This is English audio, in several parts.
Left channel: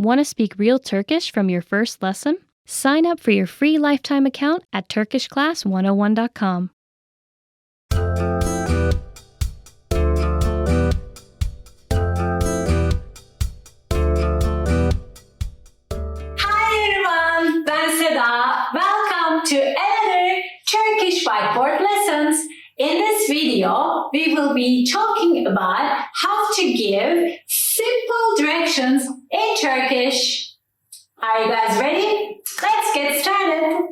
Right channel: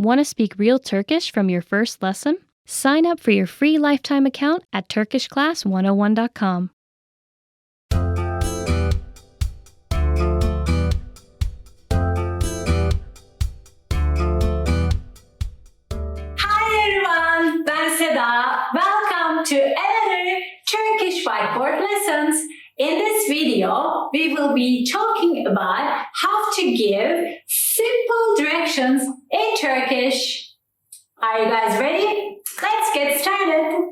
Want to speak real Turkish from your first lesson? Sign up for your free lifetime account at turkishclass101.com. Hi everyone, ben Seda. Welcome to another Turkish whiteboard lessons. In this video, we will be talking about how to give simple directions in Turkish. Are you guys ready? Let's get started.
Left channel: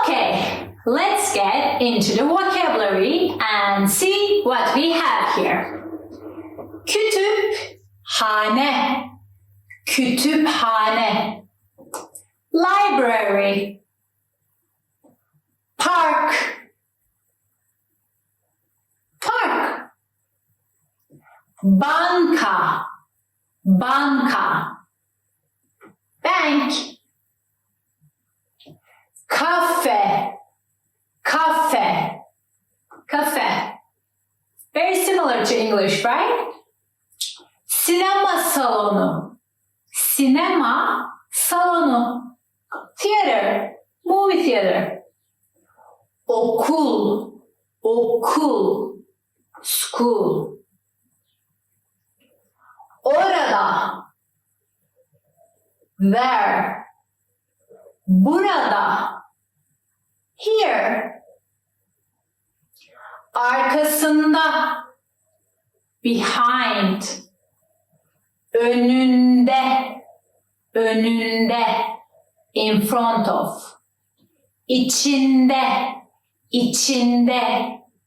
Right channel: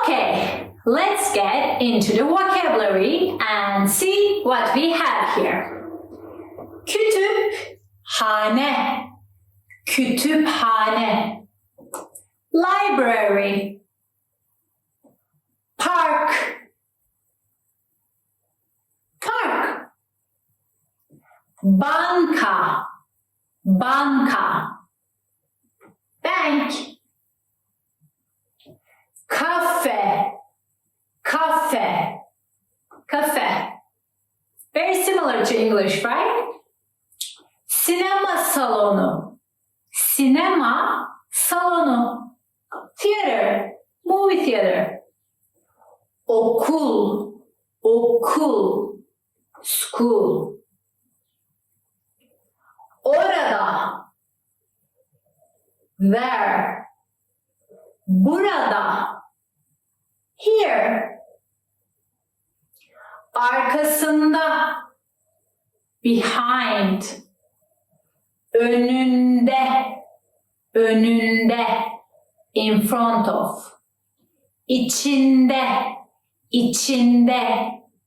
Okay, let's get into the vocabulary and see what we have here. Kütüphane, kütüphane. Library, park, park. Banka, banka. Bank. Cafe, cafe, cafe. Very similar to English, right? Sinema salonu, sinema salonu. Theater, movie theater. Okul, okul, school. Orada, there. Burada, here. Arkasında, behind. Önünde, önünde. In front of. İçinde, içinde.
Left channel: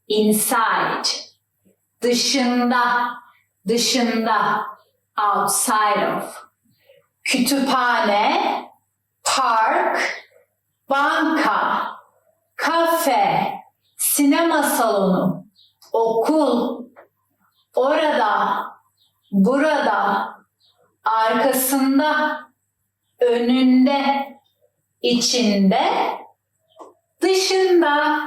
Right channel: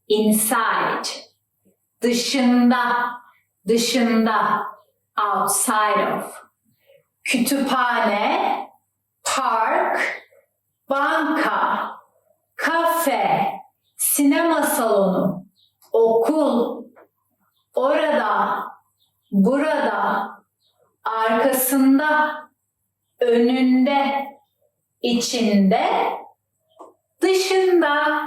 Inside. Dışında, dışında. Outside of. Kütüphane, park, banka, kafe, sinema salonu, okul, orada, burada, arkasında, önünde, içinde, dışında.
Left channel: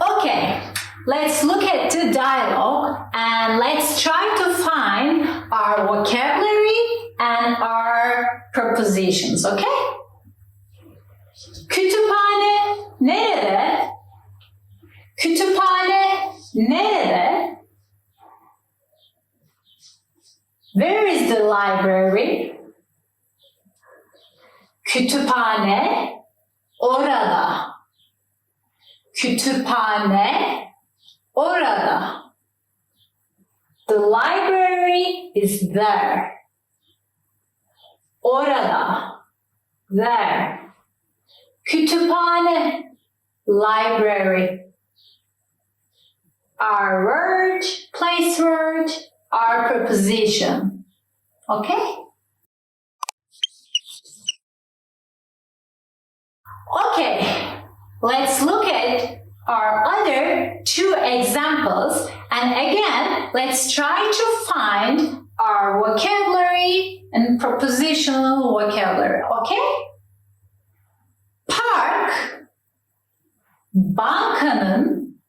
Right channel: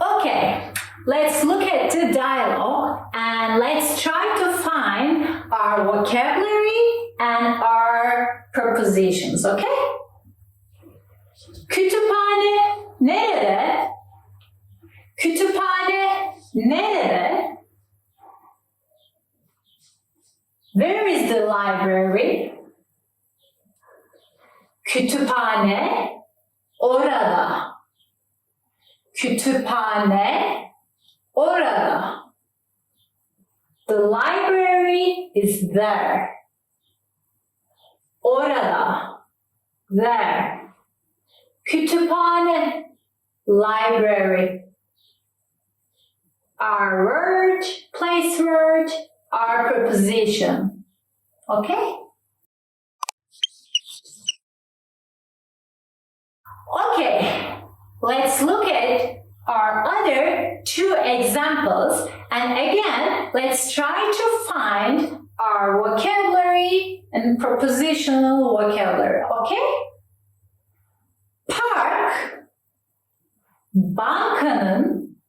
Okay, let's look at the dialogue and let's try to find our vocabulary and our prepositions, okay? Kütüphane nerede? Kütüphane nerede? Where is the library? Kütüphane orada. Kütüphane orada. The library is there. Orada. There. Kütüphane. Library. Our word, place word, our preposition. Okay? Okay. Let's look at our other two examples and again, let's try to find our vocabulary and prepositional vocabulary, okay? Park, bankanın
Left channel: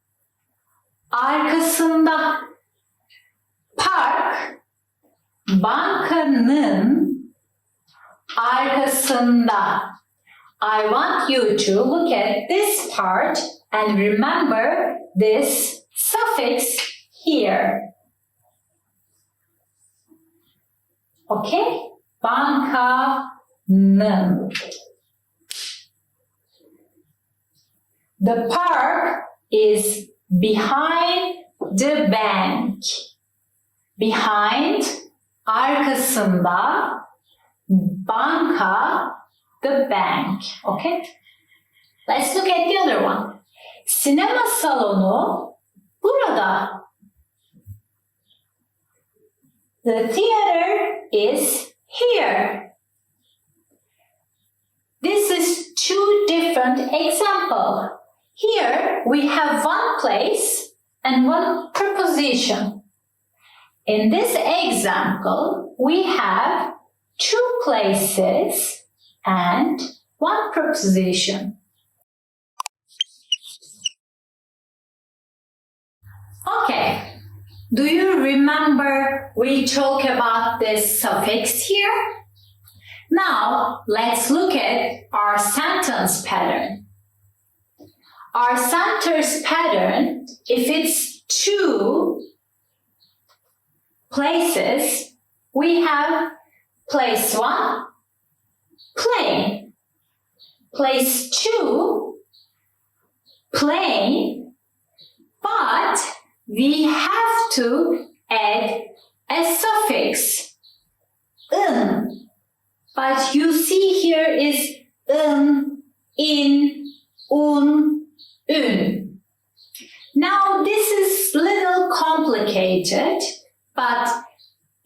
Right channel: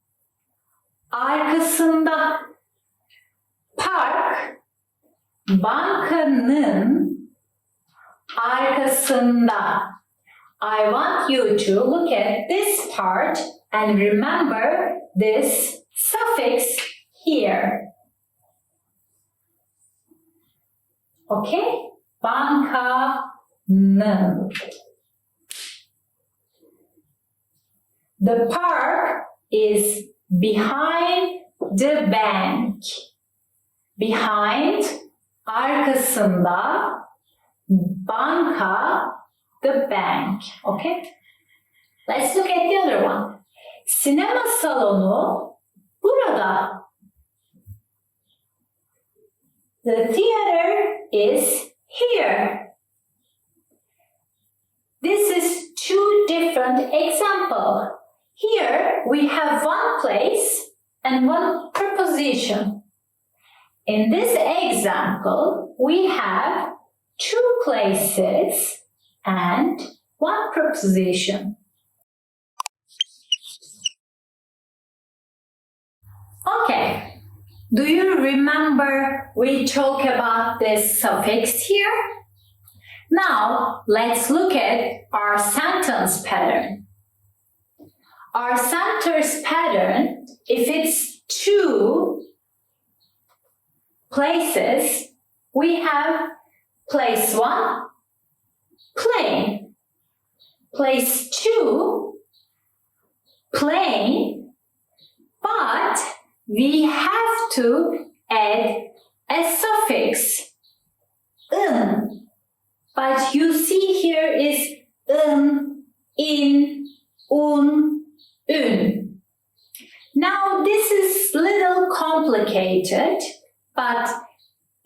arkasında. Park, bankanın arkasında. I want you to look at this part and remember this suffix here. Okay? Bankanın. The park is behind the bank. Behind, arkasında, banka, the bank. Okay? Let's look at the other one. Sinema salonu burada. The theater is here. This is two different examples. Here we have one place and one preposition. In this example, we have two places and one preposition. Okay. Do you remember we talked about this suffix here? Now, let's look at our sentence pattern. Our sentence pattern, if it's two places, we have place 1, plain. Place 2, plain. But we have to add a suffix, in. But you see here is in, un. Now this is little complicated, but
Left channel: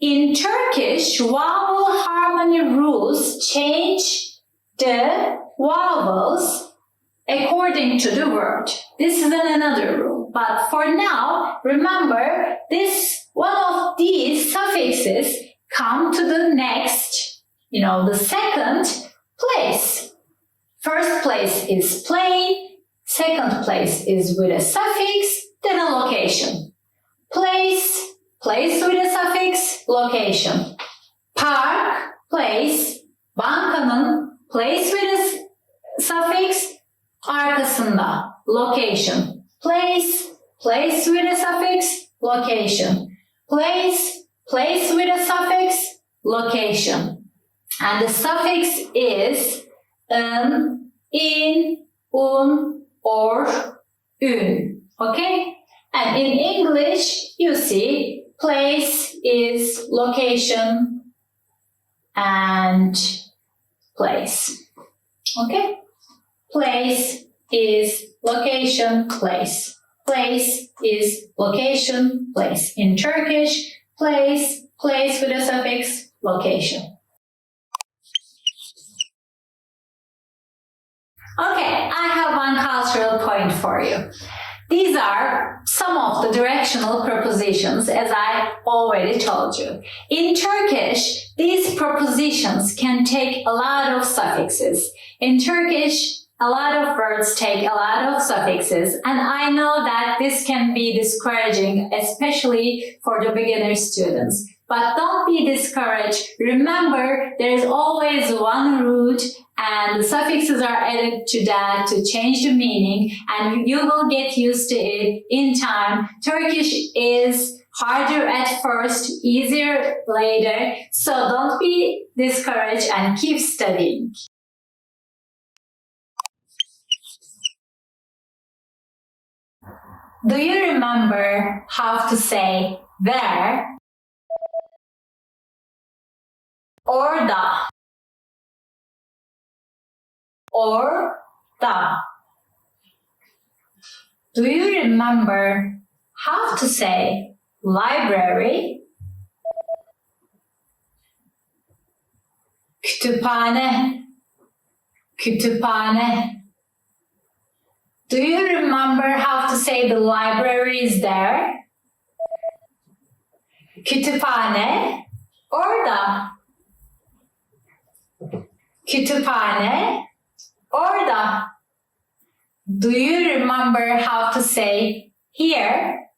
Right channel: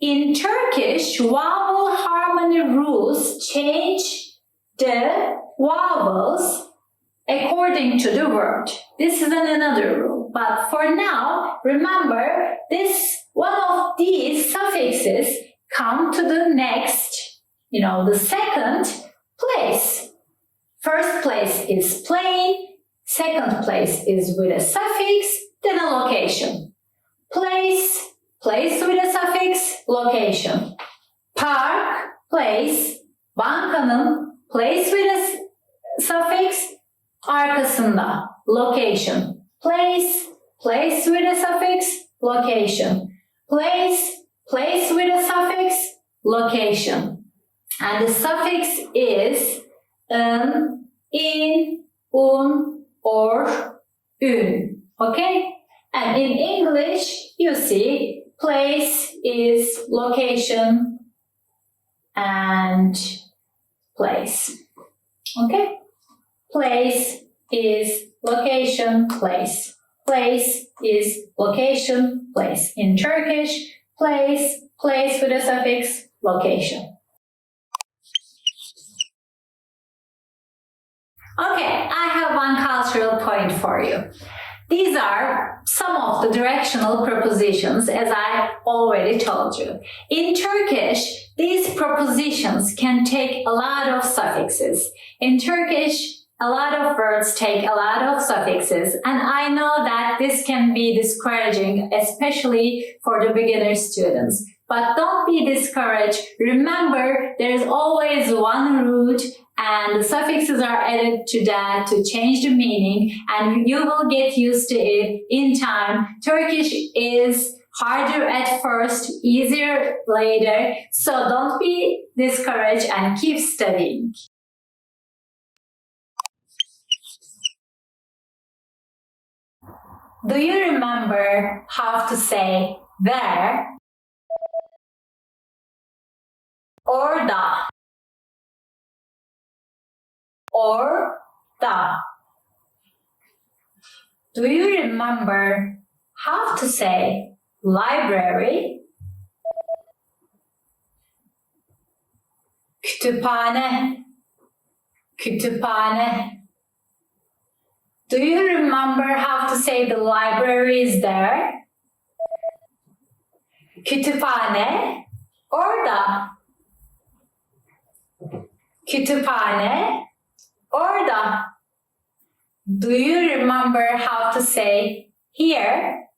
in Turkish, vowel harmony rules change the vowels according to the word. This is another rule. But for now, remember this one of these suffixes come to the next, the second place. First place is plain, second place is with a suffix, then a location. Place with a suffix, location. Park, place, bankanın, place with a suffix, arkasında, location. Place with a suffix, location. Place with a suffix, location. And the suffix is in, un, or ün. Okay? And in English, you see, place is location and place. Okay? Place is location, place. Place is location, place. In Turkish, place with a suffix, location. Okay, I have one cultural point for you. These are some of the directional prepositions, as I already told you. In Turkish, these prepositions can take a lot of suffixes. In Turkish, a lot of words take a lot of suffixes, and I know that this can be discouraging, especially for the beginner students. But don't be discouraged. Remember, there's always one root, and the suffixes are added to that to change the meaning, and you will get used to it in time. Turkish is harder at first, easier later, so don't be discouraged and keep studying. Do you remember how to say where? Orada. Orada. Do you remember how to say library? Kütüphane. Kütüphane. Do you remember how to say the library is there? Kütüphane. Orada. Kütüphane. Orada. Do you remember how to say here?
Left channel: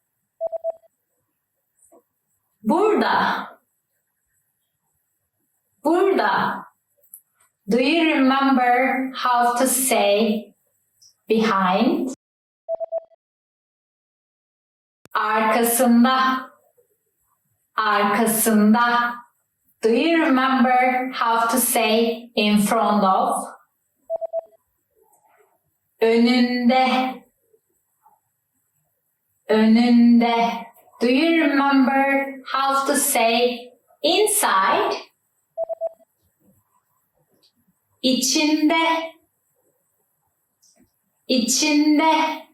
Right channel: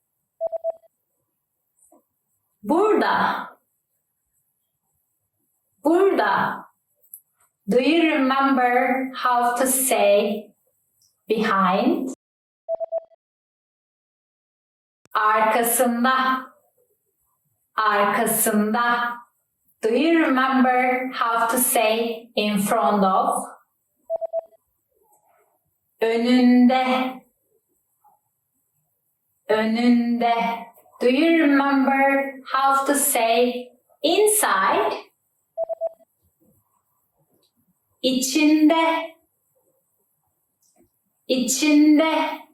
Burada. Burada. Do you remember how to say behind? Arkasında. Arkasında. Do you remember how to say in front of? Önünde. Önünde. Do you remember how to say inside? İçinde. İçinde.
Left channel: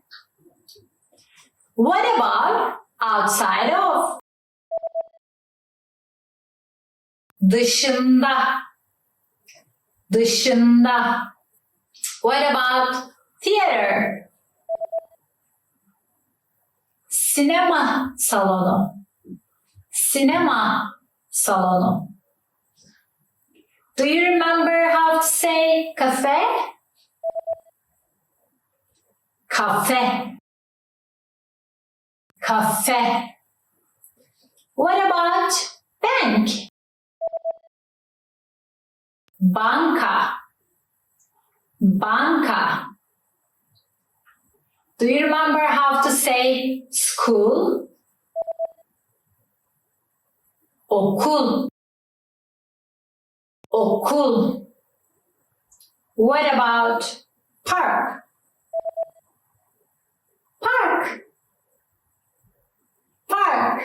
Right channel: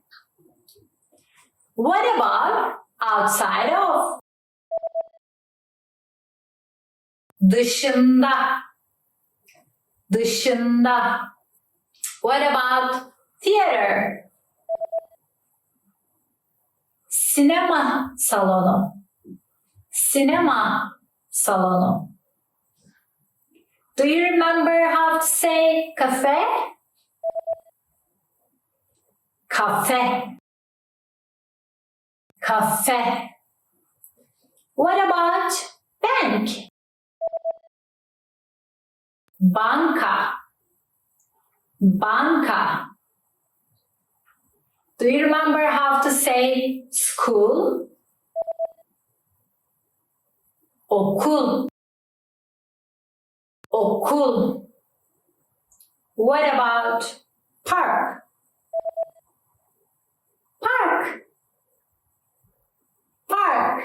What about outside of? Dışında. Dışında. What about theater? Sinema salonu. Sinema salonu. Do you remember how to say cafe? Cafe. Kafe. What about bank? Banka. Banka. Do you remember how to say school? Okul. Okul. What about park? Park. Park.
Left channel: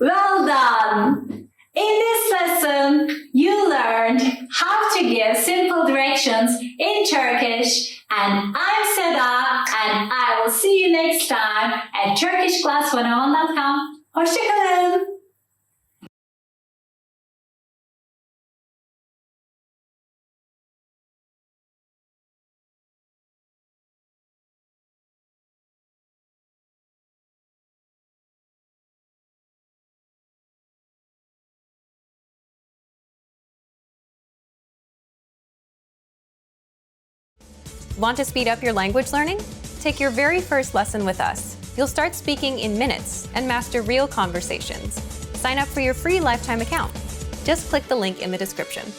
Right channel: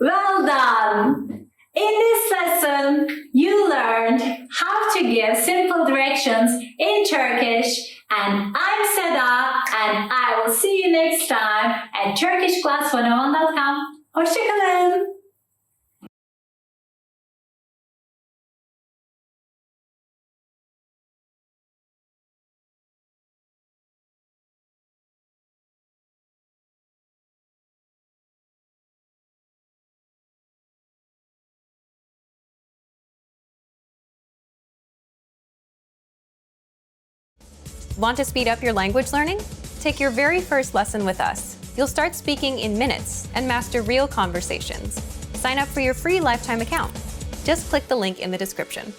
Well done! In this lesson, you learned how to give simple directions in Turkish, and I'm Seda, and I will see you next time at turkishclass101.com. Hoşçakalın! Want to speed up your language learning? Take your very first lesson with us. You'll start speaking in minutes and master real conversations. Sign up for your free lifetime account. Just click the link in the description.